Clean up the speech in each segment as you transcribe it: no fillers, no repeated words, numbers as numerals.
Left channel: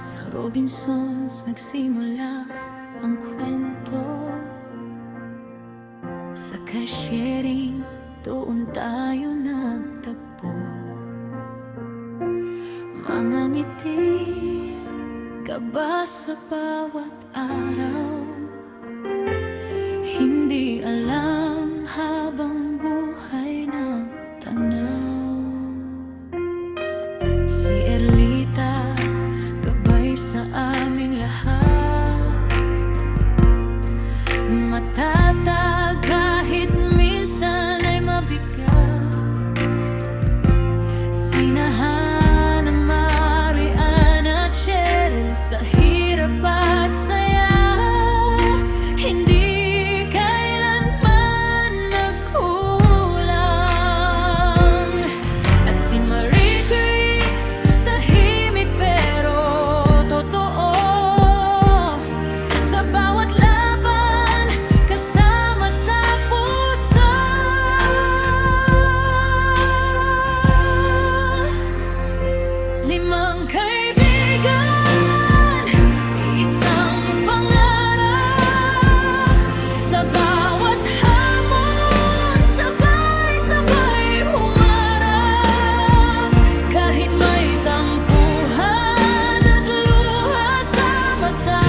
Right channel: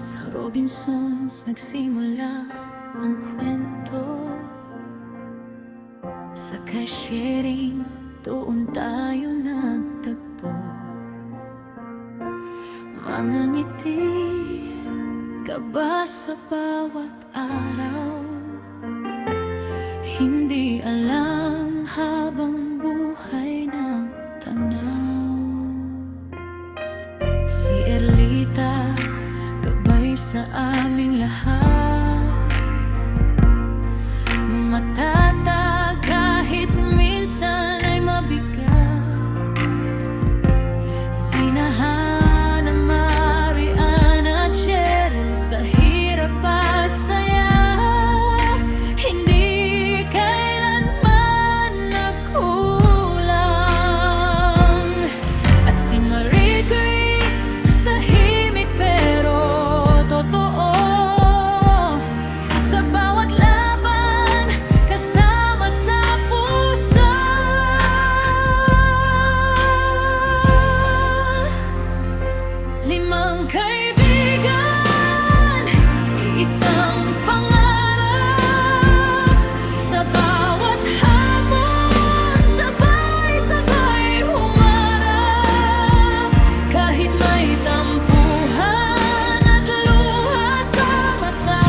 Sa Robinsons nagsimula ang kwento. Sa cashiering doon tayo nagtagpo. Mga ngiti, kaba sa bawat araw. Hindi alam habang buhay ng tanaw. Si Erlita, gabay sa aming lahat. Matatag kahit minsan ay mabigat. Sinahan ng Marian at Cheryl sa hirap at saya. Hindi kailanman nagkulang. At si Marie Grace, tahimik pero totoo. Sa bawat laban, kasama sa puso. Limang kaibigan, isang pangarap. Sa bawat hamon, sabay-sabay humarap. Kahit may tampuhan at luha sa mata,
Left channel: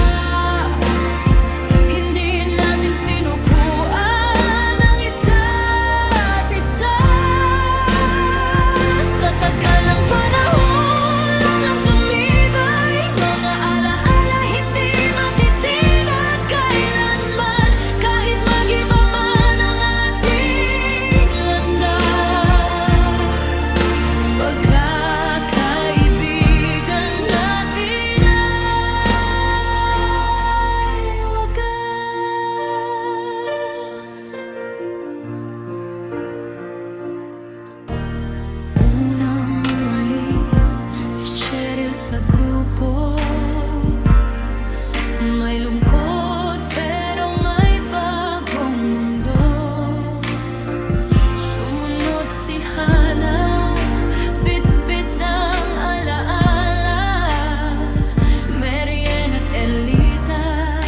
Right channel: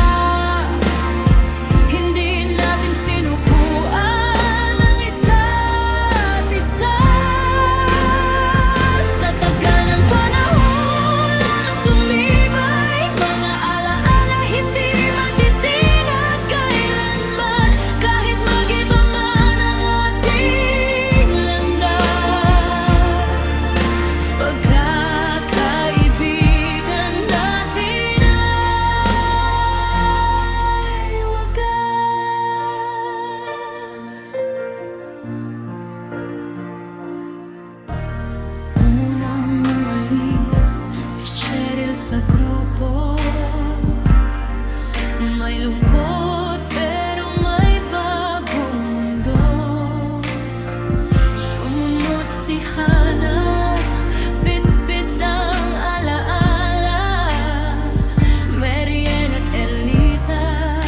hindi natin sinukuan ang isa't isa. Sa tagal ng panahon, lalong tumibay mga alaala, hindi matitinag kailanman. Kahit mag-iba man ang ating landas, pagkakaibigan natin ay wagas. Unang umalis si Cheryl sa grupo. May lungkot pero may bagong mundo. Sumunod si Hannah, bit-bit ang alaala. Marian at Erlita,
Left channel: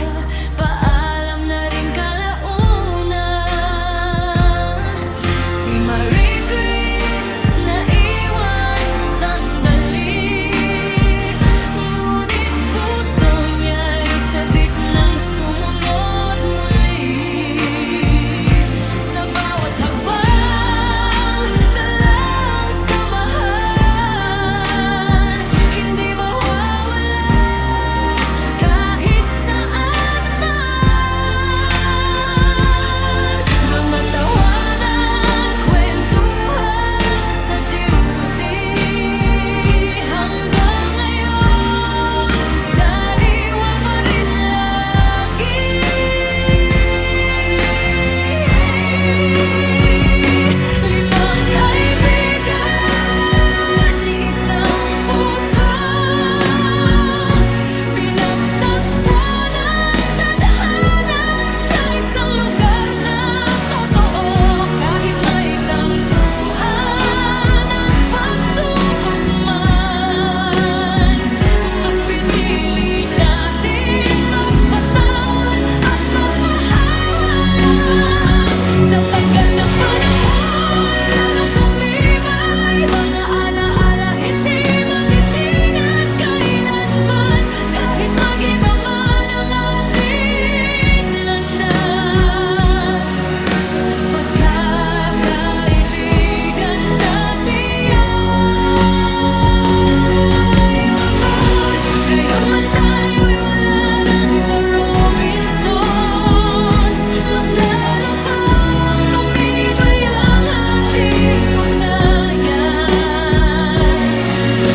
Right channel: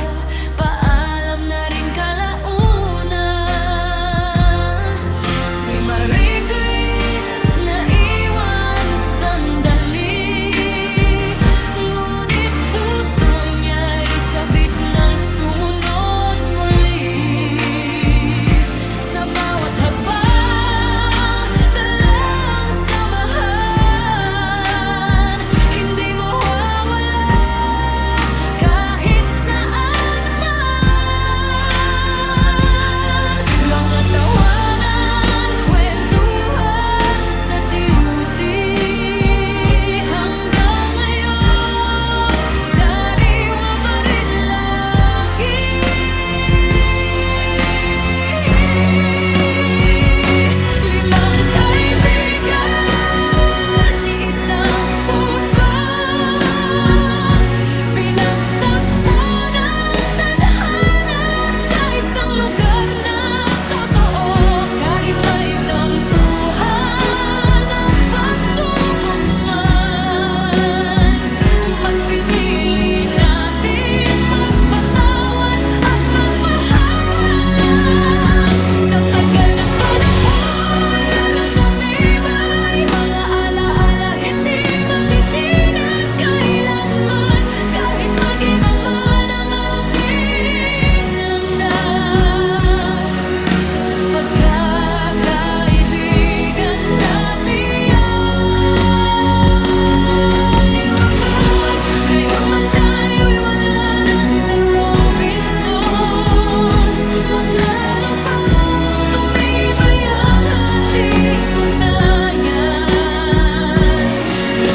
paalam na rin kalaunan. Si Marie Grace, naiwan sandali, ngunit puso niya'y sabik ng sumunod muli. Sa bawat hakbang, dalang samahan, hindi mawawala kahit saan man. Mga tawanan, kwentuhan sa duty, hanggang ngayon sariwa pa rin lagi. Limang kaibigan, isang puso, pinagtagpo ng tadhana sa isang lugar na totoo. Kahit may tampuhan at pagsubok man, mas pinili nating magpatawad at magmahalan. Sa tagal ng panahon, lalong tumibay mga alaala, hindi matitinag kailanman. Kahit mag-iba man ang ating landas, pagkakaibigan natin ay wagas. Ngayon man tayo'y wala na sa Robinsons, mas lalo pang tumibay ang ating ugnayan.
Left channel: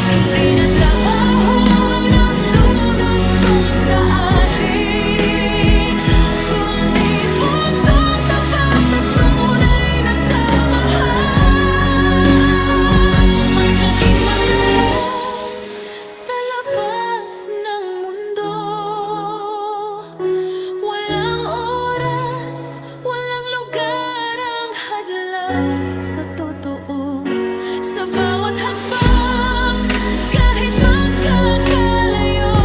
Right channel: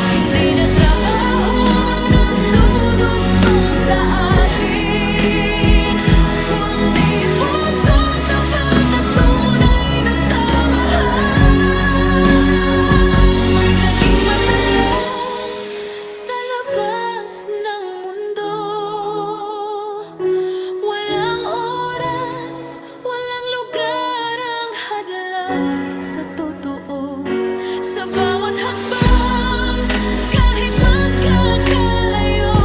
Hindi na trabahong nagdudugtong sa atin, kundi pusong tapat at tunay na samahan. Mas naging matatag sa labas ng mundo. Walang oras, walang lugar ang hadlang sa totoo. Sa bawat hakbang, kahit magkakalayo,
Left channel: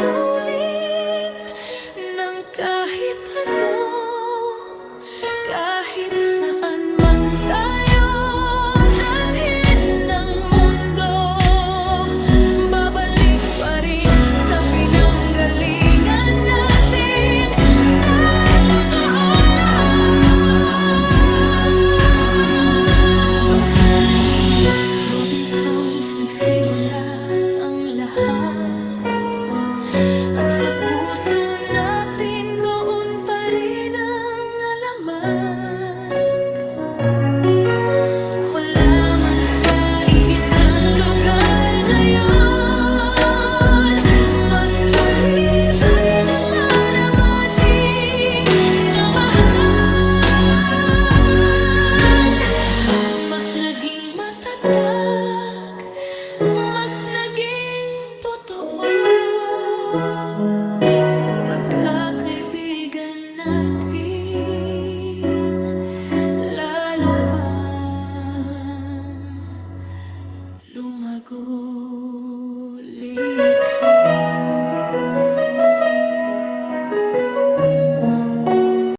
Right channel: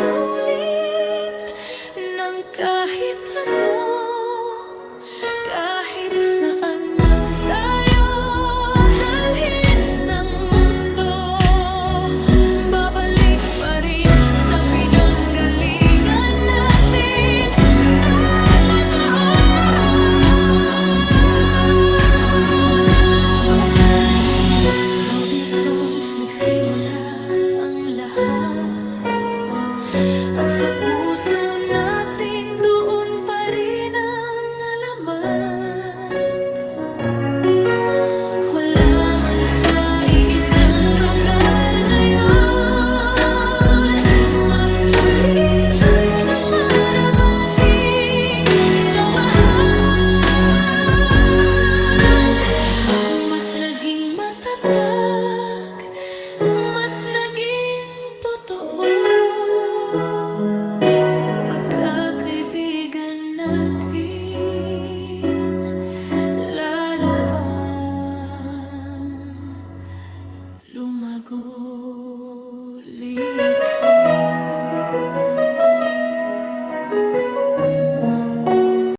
puputulin ng kahit ano, kahit saan man tayo dalhin ng mundo, babalik pa rin sa pinanggalingan natin sa totoo. Sa Robinsons nagsimula ang lahat, at sa puso natin doon pa rin ang alamat. Wala man sa iisang lugar ngayon, mas tumibay naman ang ating samahan. Mas naging matatag, mas naging totoo pagkakaibigan natin.